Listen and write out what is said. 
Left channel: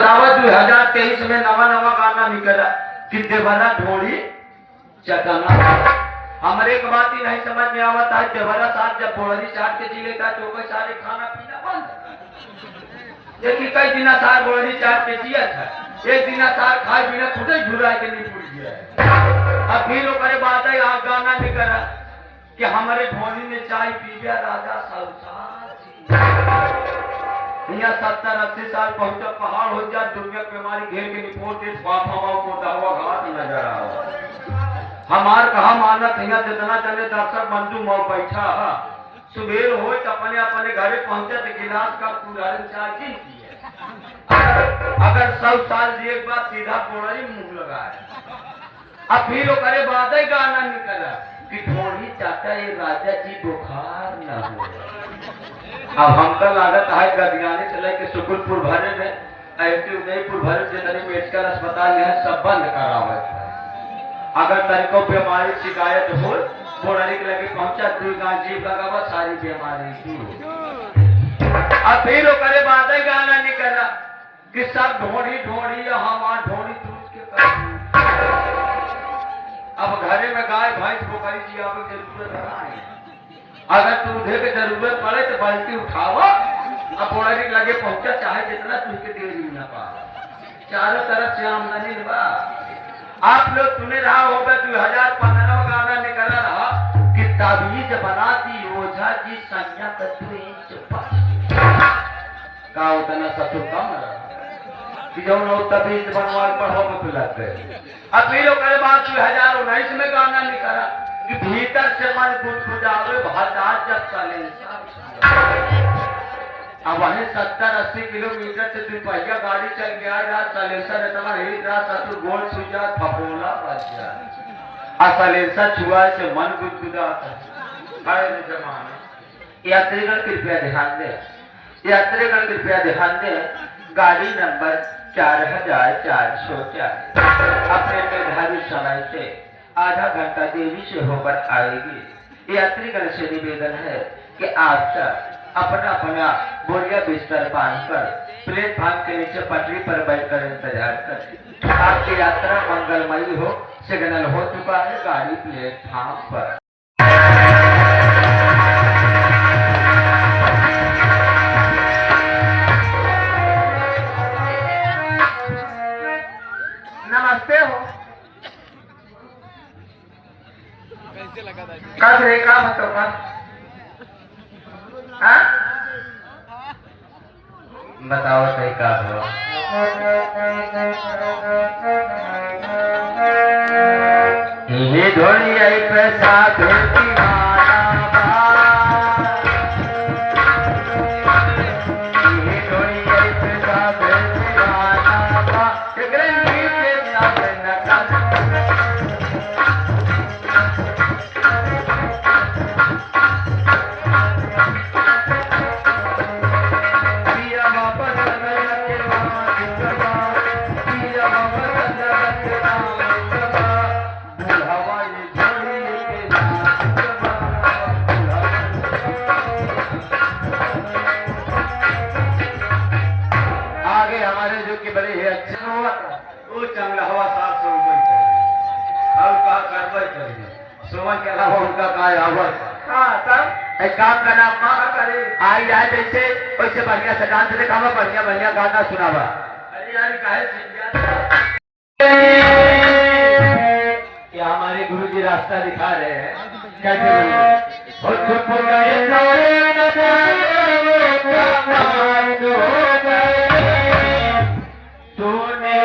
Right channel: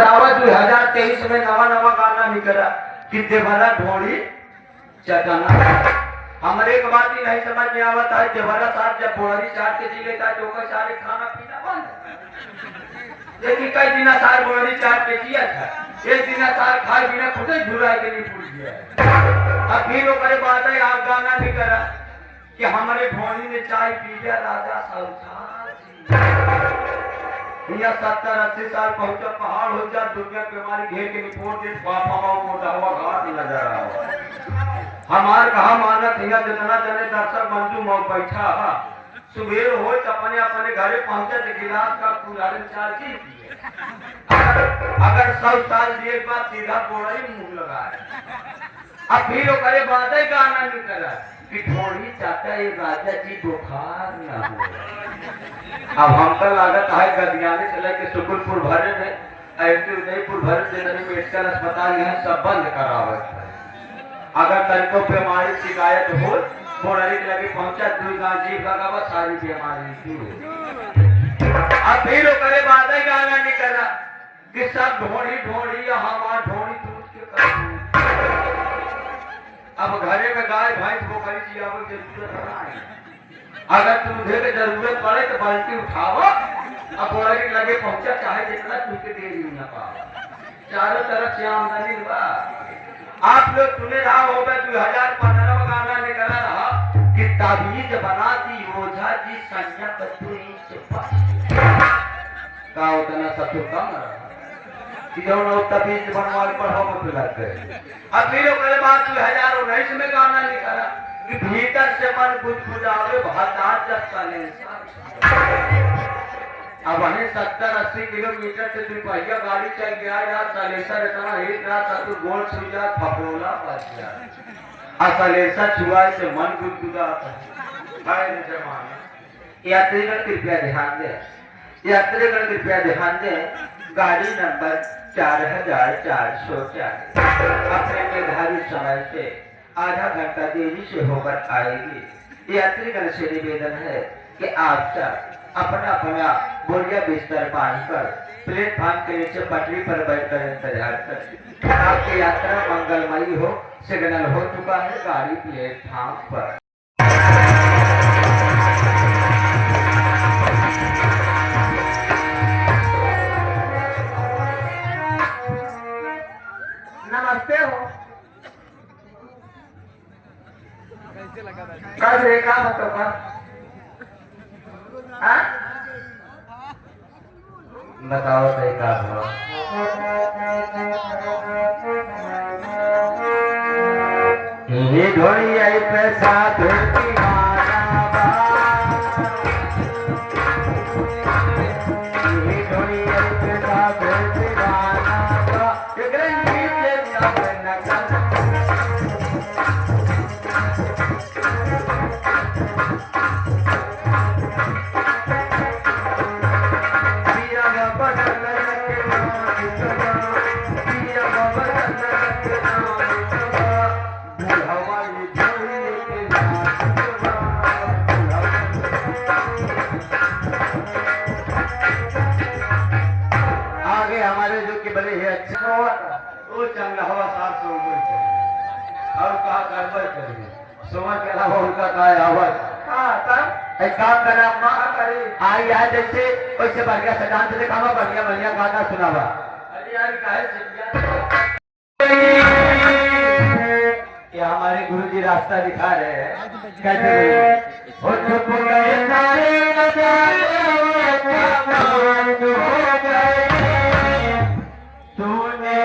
2023 में नवा नवा गाना निकला कि देवरा ढोड़ी चटना। हमारे एक बात ही नहीं समझ में आवता है, देवरा साथ जब ढोड़ी चाट के जी लेता है तो सारे खाना पीना बंद। ये कई दिन सार ढोड़ी चाट के जिया था, एक दिन सार खाए बिना खुद ही झुरा के नहीं भूल गया। अब फिर वो बात है आज गाना निकला कि हमारे ढोड़ी ने चाय पी लिया राजा सौसार। 70-80 साल पहुंचा पहाड़ हो जा, दुनिया की बीमारी घेर के निपोट के मोटा हुआ घाट नजर आ। हमार कहा मानत है जितना चले दर्शक मंजू मौ बैठा हा सुबेर हो अपने अपने घरे पहुंचे तो गिलास का पूरा चार की अगर 100 साल जी एक बार सीधा कोड़ा ही मुंह लगा है। अब फिर करे बात है गाना निकला कि थोड़ी चाहता है राजा जी बुखार न हो। अब हमका लागत है गदियाने से लेके सुकुलपुर भरे में ऐसे उदयपुर भरे जितने मेडिकल अस्पताल यह सब बंद करावत है। अगर तरीकों बीमारी शिकायत हो बोरानी के लगे पहुंचा कोई गांव जीव लगा सारी बीमारी दूर। अब फिर करे बात है गाना निकला कि सब ढोड़ी ढोड़ी हमार ढोड़ी दूध के कर। अब घरे में गाय भैंस बोकरी जियावे के जरूरत नहीं। अगर दूधे की जरूरत पड़े तो बाल्टी उठावा अब बोरानी लगे पहुंचा चाहे जितना तुझे दे दी ना पा। चारों तरफ से आमदनी बा। आप लोग सुने रहा होगा 2015 में गाना निकला रहा कि ताबीज बनाती ओझा जी संज्ञा का उतना ससुर कम रहा कि जो लोग ताबीज बनवाल पर हो मत लग गए। अब फिर करे बात 2019 में गाना निकला कि भीतर से मन खुदखुदावे भातार जब सालेंसा। अब वहीं 70-80 किलोमीटर से दुपहिया गाड़ी चल गया रहा सालेंसर इतना हिट रहा ससुर गोल छुजा फपोला बच गया। सालेंसर छुआ से मन गुदगुदाता है जमाना। यात्रीगण कृपया ध्यान दें, यात्रीगण कृपया ध्यान दें, गाड़ी नंबर 4404 अपने निर्धारित समय से आधा घंटा देरी से होकर आएगी। यात्रीगण से निवेदन है कि आप सब अपना अपना बोरिया बिस्तर बांधकर प्लेटफार्म के नीचे पटरी पर बैठकर इंतजार करें। आपकी यात्रा मंगलमयी हो। सिग्नल हो चुका है गाड़ी प्लेटफार्म पर। नमस्ते हो कब रे का बताओ बताओ सही का हुआ। ये ढोली आई पैसा भेजती माना बा। ये ढोली आई पैसा भेजती माना बा। गरंगी के नाम नकल हमारे जो कि बड़े अच्छा वो चंगा हवा साफ से ऊपर और कहा कार्रवाई करेंगे समझ के अलावा उनका काय हवा एक काम का नाम माँ करे आई आए जैसे वैसे बढ़िया से डांस दिखावा बढ़िया बढ़िया गाना सुनावा। अरे यार काहे क्या हमारे गुरु जी रास्ता दिखा रहे हैं कैसे तूने